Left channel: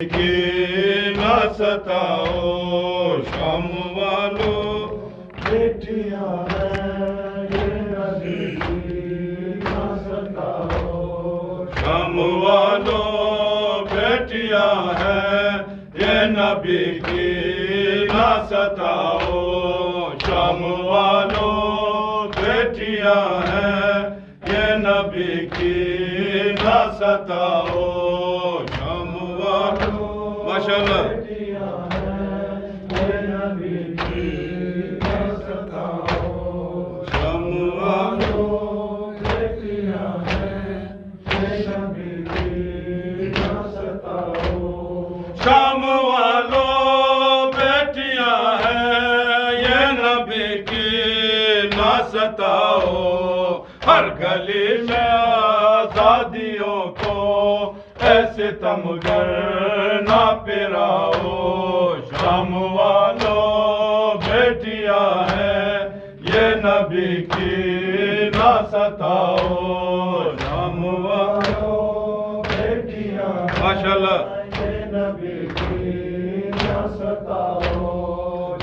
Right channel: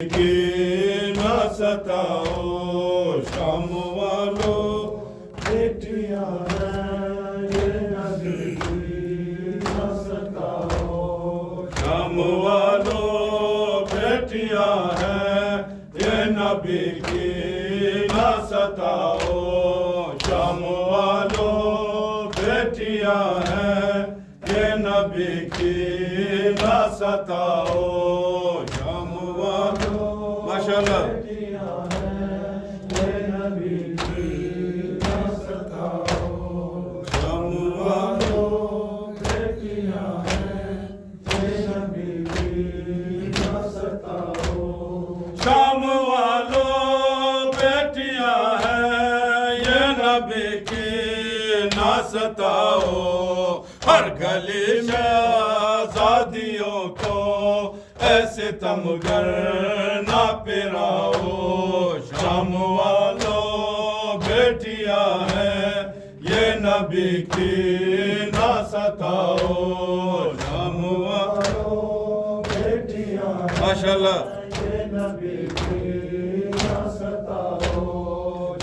कि न सताओ शाम वालों बेटियां हैं ये नबी की न सताओ शाम वालों बेटियां हैं ये नबी की न सताओ शाम वालों बेटियां हैं ये नबी की न सताओ माशाअल्लाह शाम वालों बेटियां हैं ये नबी की ना सताओ हर गली में आजादियों को ऐसे तमगर ना पिराओ शाम वालों बेटियां हैं ये नबी की ना सताओ शाम वालों बेटियां माशाअल्लाह ये नबी की ना सताओ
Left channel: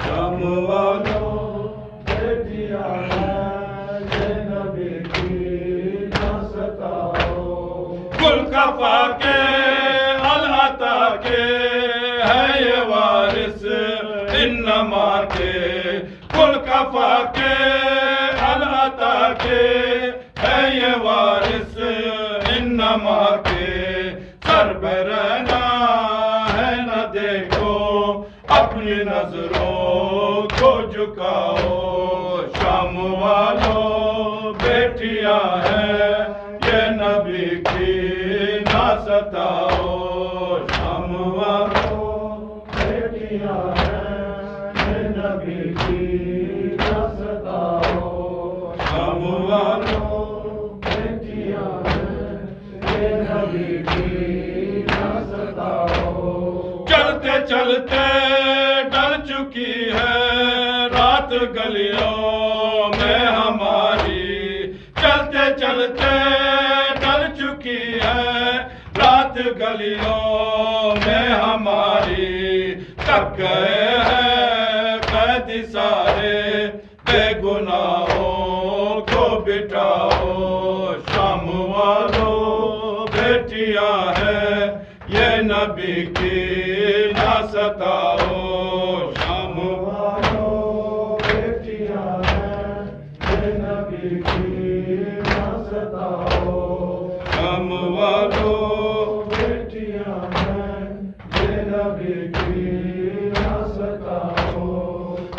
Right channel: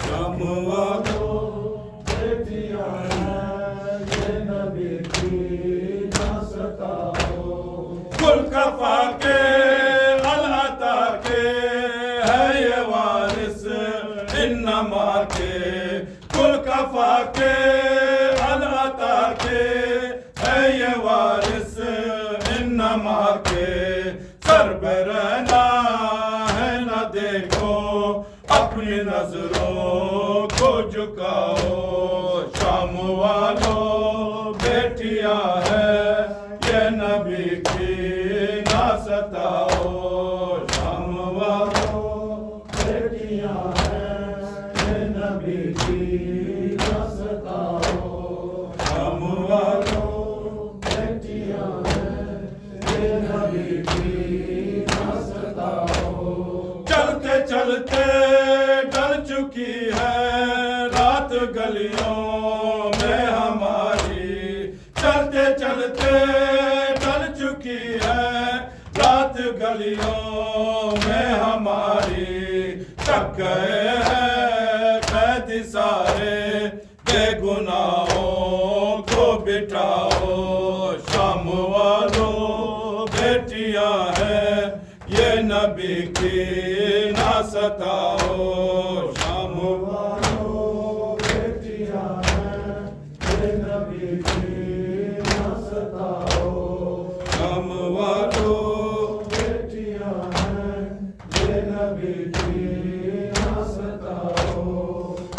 शाम वालों बेटियां हैं ये नबी की ना सताओ कुल कफा के अल्लाता के है ये वारिस इन्नमा के कुल कफा के अल्लाता के है ये वारिस इन्नमा के सर पे रहना है न देखो अपनी नजरों को झुकाओ शाम वालों बेटियां हैं ये नबी की ना सताओ शाम वालों बेटियां हैं ये नबी की ना सताओ शाम वालों बेटियां हैं ये नबी की ना सताओ चलते चलते डल चुकी है रात गलियों में हमारी चलते चलते चुकी है रात गलियों में हमारी थक गए हैं कैदी सारे बेगुनाहों को बिठाओ शाम वालों बेटियां हैं ये नबी की ना सताओ शाम वालों बेटियां हैं ये नबी की ना सताओ शाम वालों बेटियां हैं ये नबी की ना सताओ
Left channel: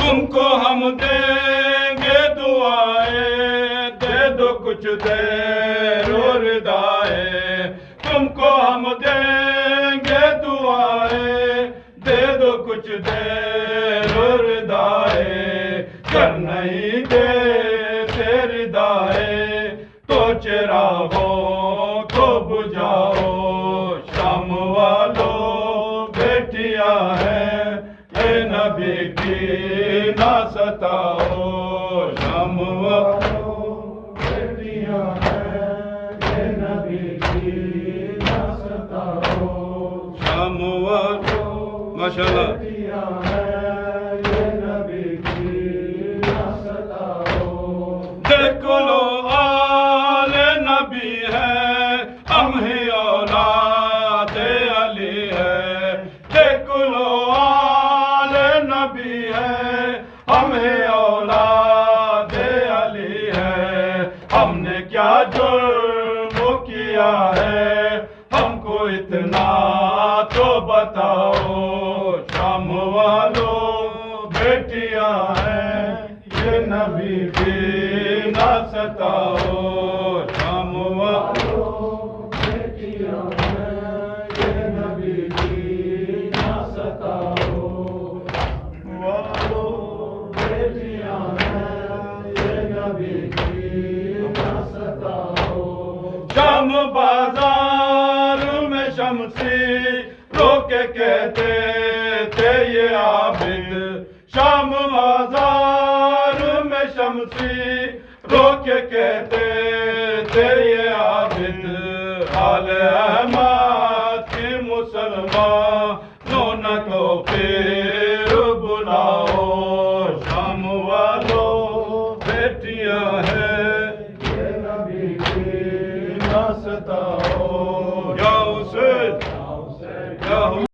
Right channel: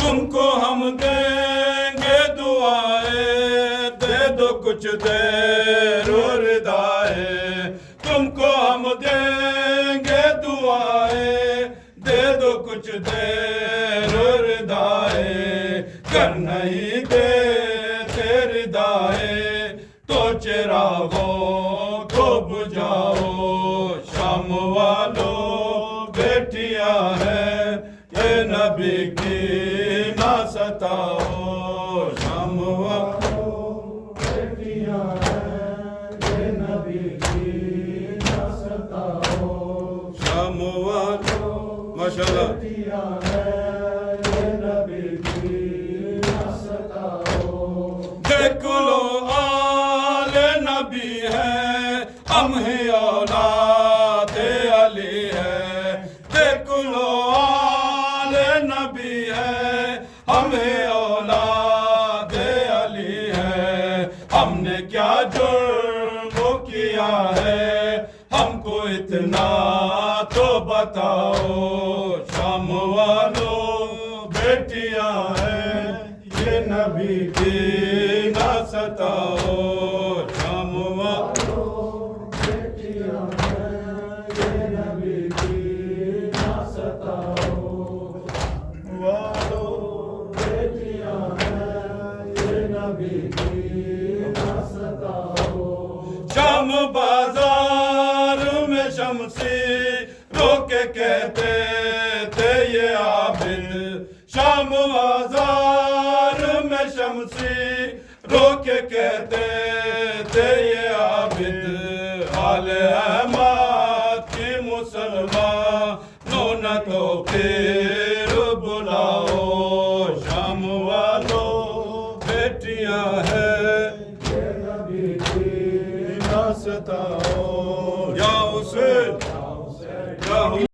तुमको हम देंगे दुआएं दे दो कुछ देर और रिदाएं तुमको हम देंगे दुआएं दे दो कुछ देर और रिदाएं कर नहीं दे तेरी दाएं तो चिरागों को बुझाओ शाम वालों बेटियां हैं ये नबी की ना सताओ शाम वालों बेटियां हैं ये नबी की ना सताओ शाम वालों माशाअल्लाह बेटियां हैं ये नबी की ना सताओ देख लो नबी है हम ही औलादे अली है देख लो आल नबी है हम ही औलादे अली है हमने क्या जुर्म किया है हमको इतना तो बताओ शाम वालों बेटियां हैं ये नबी की ना सताओ शाम बाजार में शमसी रोके कहते थे ये आबिद शाम बाजार में शमसी रोके कहते थे ये आबिद हाल अहमद की मुसलमान फिर बुलाओ शाम वालों बेटियां हैं ये नबी की ना सताओ या हुसैन